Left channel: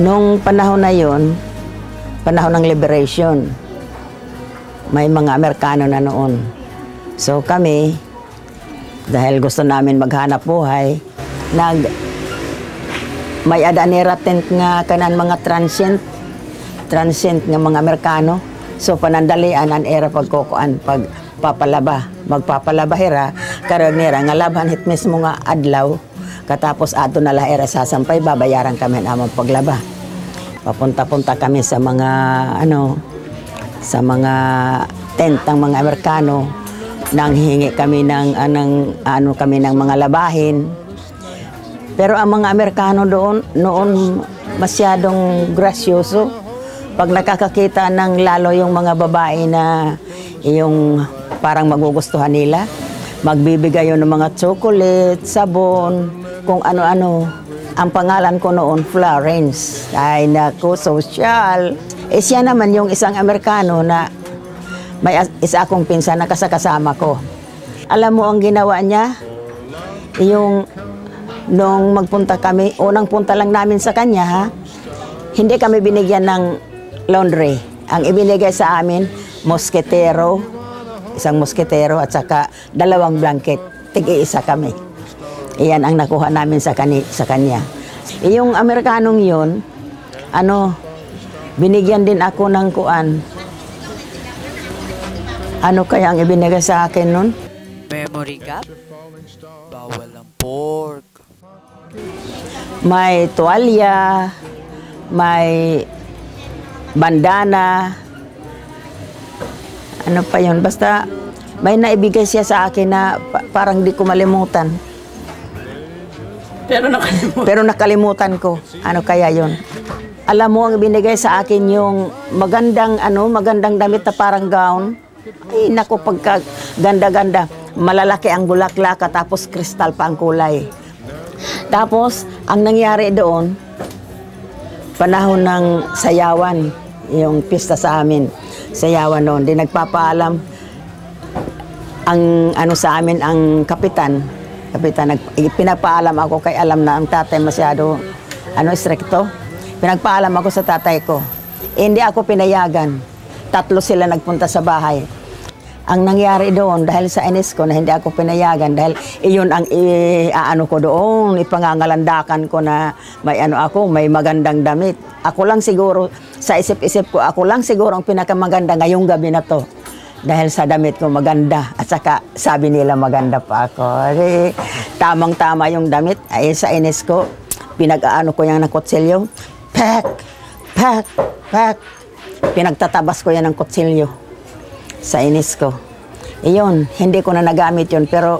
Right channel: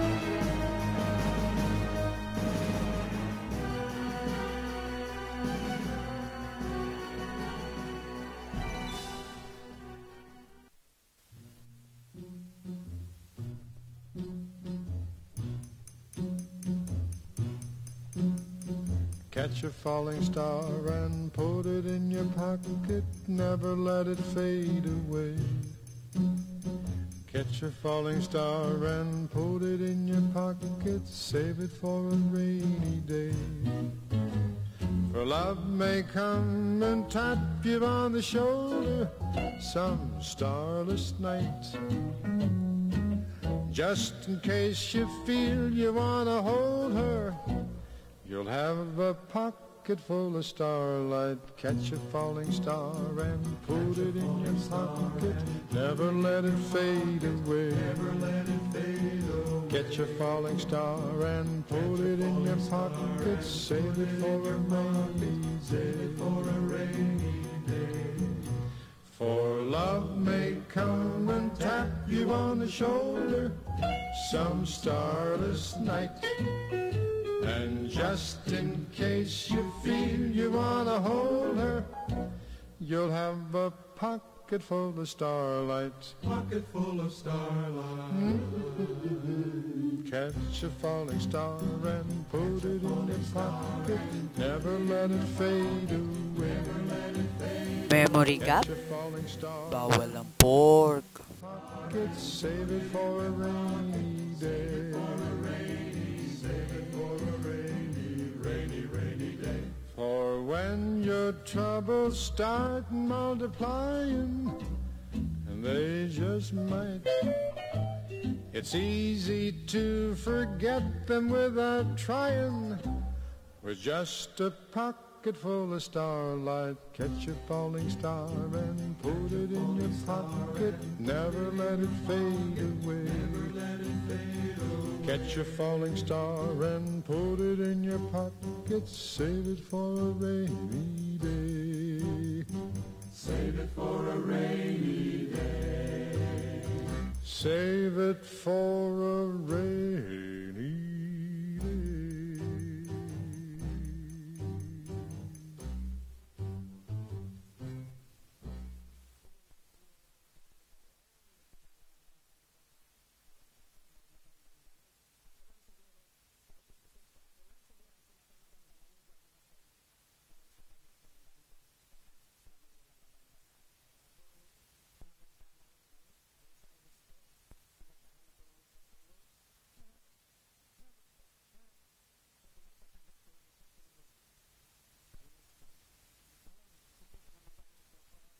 Nung panahon na yon, panahon ng liberation, may mga Amerikano na noon. So kami, dahil gusto namin maghanap buhay, may adanera tent nga kanan mga transient nga mga Amerikano. So panandalian ang era pagkukuan, pagpapalaba, magpapalabahira, karon nera nga labhan hit mismo nga adlaw. Katapos ato na lahera sasampay, babayaran kami among paglaba. Papunta-punta kami sa mga sa mga tent ng mga Amerikano. Nanghihingi kami ng mga labahin. Pero ang mga Amerikano noon masyadong grasyoso. Pag nakakakita ng lalo yung mga babae na yung parang magugustuhan nila, magbibigay yun ng mga chocolate, sabon, kung ano-ano. Ang pangalan ko noon, Florence. Ay naku, social. Siya naman yung isang Amerikano na may isa akong pinsan na kasama ko. Alam mo ang ginawa niya? Yung nung magpunta kami, unang punta lang namin sa kanya, ha? Hindi kami binigyan ng laundry. Ang ibinigay sa amin, mosketero, isang mosketero at saka 2 blanket. Tig-iisa kami. Iyan ang nakuha namin sa kanya. Yung Amerikanong yun, binigyan din ako ng kuan. Ano kaya ang ibinigay sa akin nun? Memory gap? Bawal ang pork. May tuwalya, may bandana, ano pa yun, basta may naibigay siya sa akin na parang di ko malimutan. Pero nakalimutan ko. Ano kaya yun? Alam mo, ang binigay sa akin yung magandang damit na parang gown. Ay, naku, pagka ganda-ganda. Malalaki ang bulaklak, tapos kristal pa ang kulay. Tapos, ang nangyari doon, panahon ng sayawan, yung pista sa amin, sayawan noon, di nagpapaalam sa amin ang kapitan, pinapaalam ako kay alam na ang tatay masyado stricto. Pinagpaalam ako sa tatay ko. Hindi ako pinayagan. 3 sila nagpunta sa bahay. Ang nangyari doon, dahil sa inis ko na hindi ako pinayagan, dahil iyon ang ko doon, ipangangalandakan ko na may magandang damit. Ako lang siguro, sa isip-isip ko, ako lang siguro ang pinakamaganda ngayong gabi na to. Dahil sa damit ko maganda, at saka sabi nila maganda pa ako. Tamang-tama yung damit, ay sa inis ko, ko yan ng kutsilyo. Pak! Pak! Pak! Pinagtatabas ko yan ng kutsilyo. Sa inis ko. Iyon, hindi ko na nagamit yun, pero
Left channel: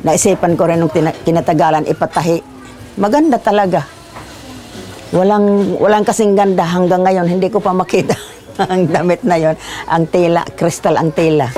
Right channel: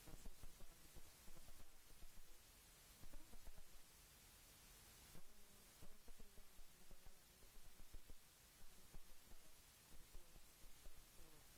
naisipan ko rin nung kinatagalan, ipatahi. Maganda talaga. Walang kasing ganda hanggang ngayon, hindi ko pa makita ang damit na yon. Ang tela, kristal ang tela.